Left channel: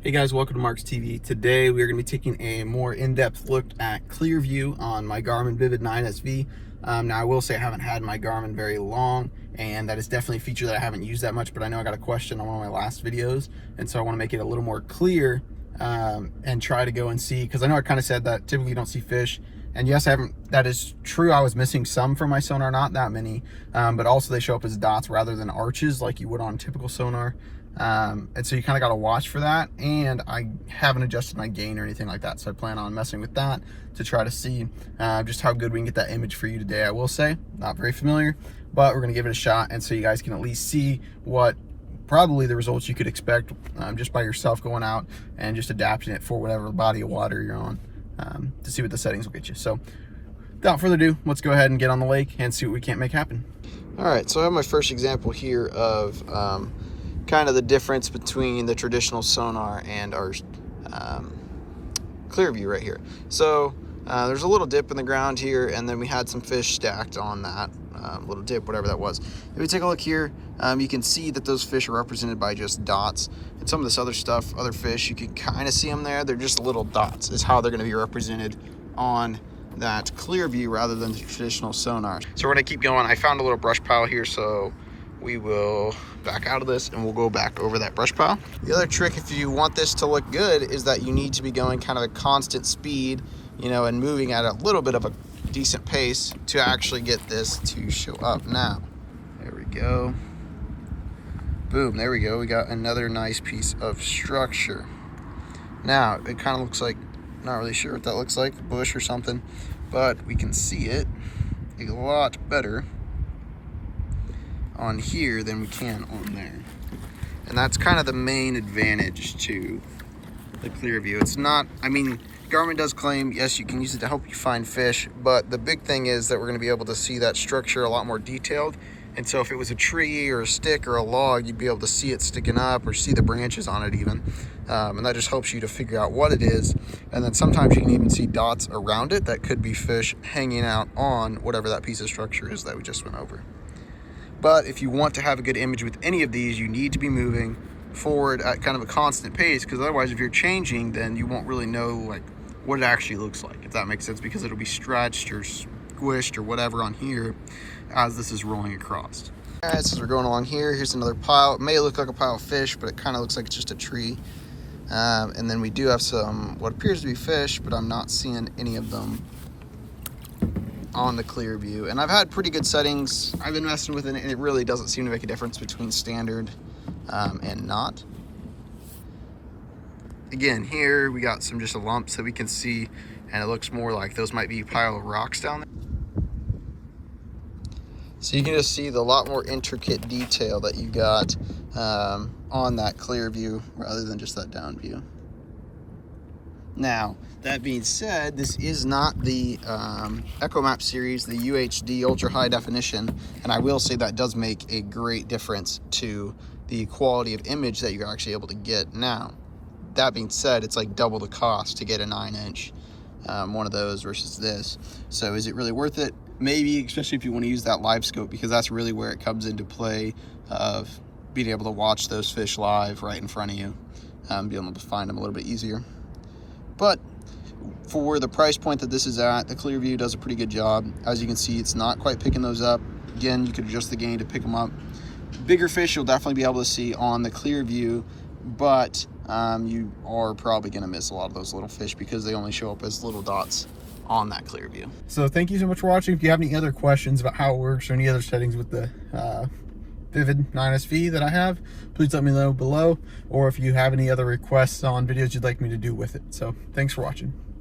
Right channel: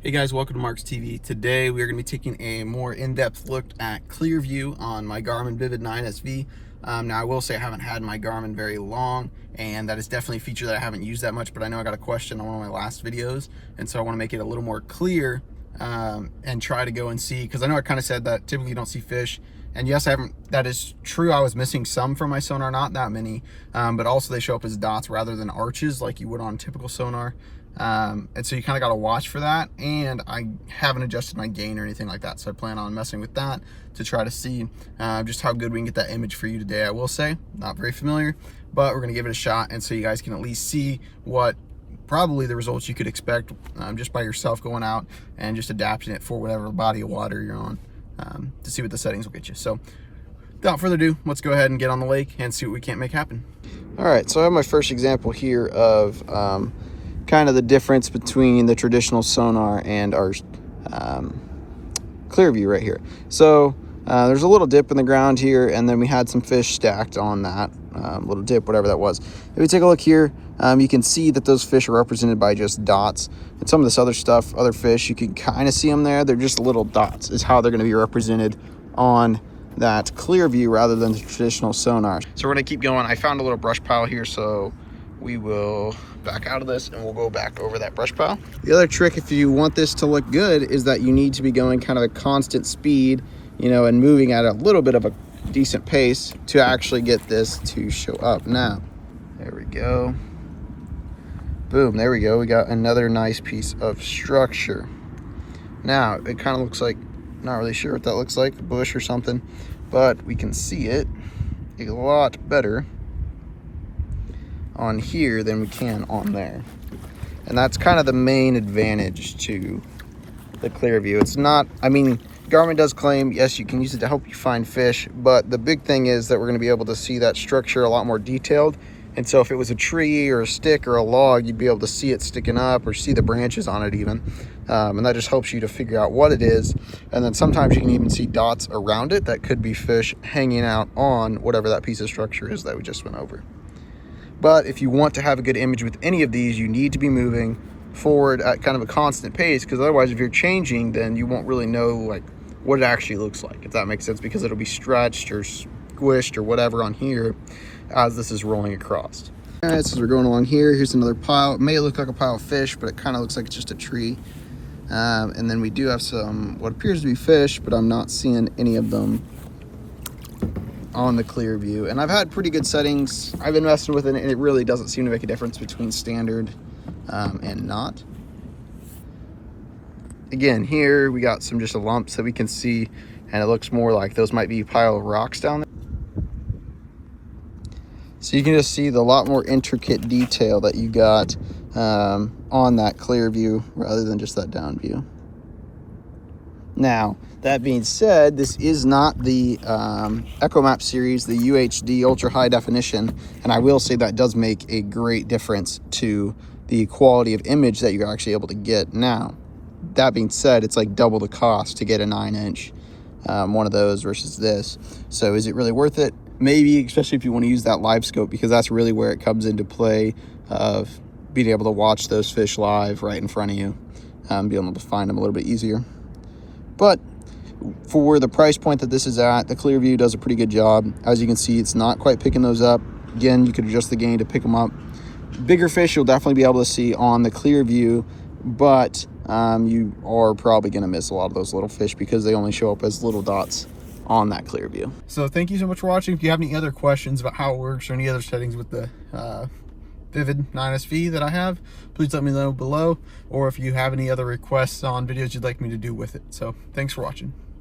Hey guys, welcome to Mark's TV. Today we are going to be taking a more in-depth look at clear view on my Garmin Vivid 9SV. Now I will say I haven't had my Garmin very long, and that is definitely a feature that I haven't used that much, but I know I got a question on one of my last videos, and so I want to make it a little more clear and try to go and see, because I know I kind of said that typically you don't see fish, and yes, I haven't. That is true. I was missing some from my sonar, not that many, but also they show up as dots rather than arches like you would on typical sonar. And so you kind of got to watch for that, and I haven't adjusted my gain or anything like that, so I plan on messing with that to try to see just how good we can get that image for you today. I will say, not very familiar, but we're going to give it a shot, and so you guys can at least see what probably the results you could expect just by yourself going out and just adapting it for whatever body of water you're on, to see what the settings will get you. So without further ado, let's go ahead and get on the lake and see what we can't make happen. All right, so I have my first example here of kind of the difference between the traditional sonar and our clear view right here. So there's a little dip in the ground here, and then we had some fish stacked on that little dip, whatever that was. If we take a look here, you can see that those fish are represented by just dots, and some of this other stuff, other fish, you can kind of see them there. They're just little dots is how they're going to be represented on that clear view rather than the traditional sonar. So we're going to keep going. I found a little brush pile here, so we will back out of this and we'll go back over that brush pile. The other trick, if you want this to look good, is that you need to be going kind of a constant speed, you know, and moving at a little bit of a decent pace to actually get this to show up. Now, there we go. Boom, there we go. We got another nice piece of structure. Now, it kind of looks like, not really sure what that looks like, a bush or something, but we can see it a lot better on here than we can on there, and that's kind of the main advantage to the clear view. It's not, I mean, Garmin does claim yes, you can use it to help you find fish, but the big thing is that we're going to be able to see that structure a lot more detailed. And so if it was a tree or a stick or a log, you'd be able to see it sticking up or see the branches on it even, and that just helps you to figure out what it is. And then sometimes you can even see dots around it that could be fish hanging out on whatever that piece of structure is that we just went over. But if you want to have a good image with any of these, you need to be moving forward at kind of a constant pace, because otherwise if you're changing, then you won't really know like what it actually looks like, if that makes sense, because it'll be stretched or squished or whatever on here as this is rolling across. All right, so as we're going along here, here's another pile. It may look like a pile of fish, but it kind of looks like it's just a tree. And then we do have some what appears to be fish, but I'm not seeing any of them on the clear view. And I've had pretty good settings. I've been messing with it, and it really doesn't seem to make a difference between standard and not. Again, here we got some just lumps that we can see, and it looks more like those might be a pile of rocks down there. So you can just see the lot more intricate detail that you got on that clear view rather than just that down view. Now, that being said, this is not the EchoMap series, the UHD ultra high definition, and I will say that does make a great difference to the quality of image that you're actually able to get. Now, that being said, it's like double the cost to get a 9-inch one of those versus this. So is it really worth it? Maybe, especially if you want to use that live scope, because that's really where it comes into play of being able to watch those fish live right in front of you, being able to find them a little bit easier. But for the price point that this is at, the clear view does a pretty good job. As you can see, it's not quite picking those up. Again, you could adjust the gain to pick them up. Bigger fish you'll definitely be able to see on the clear view, but you are probably going to miss a lot of those little fish because they only show up as little dots on that clear view. So thank you so much for watching. If you have any other questions about how it works or any other settings with the Vivid 9SV that I have, please let me know below, or if you have any other requests on videos you'd like me to do with it. So thanks for watching.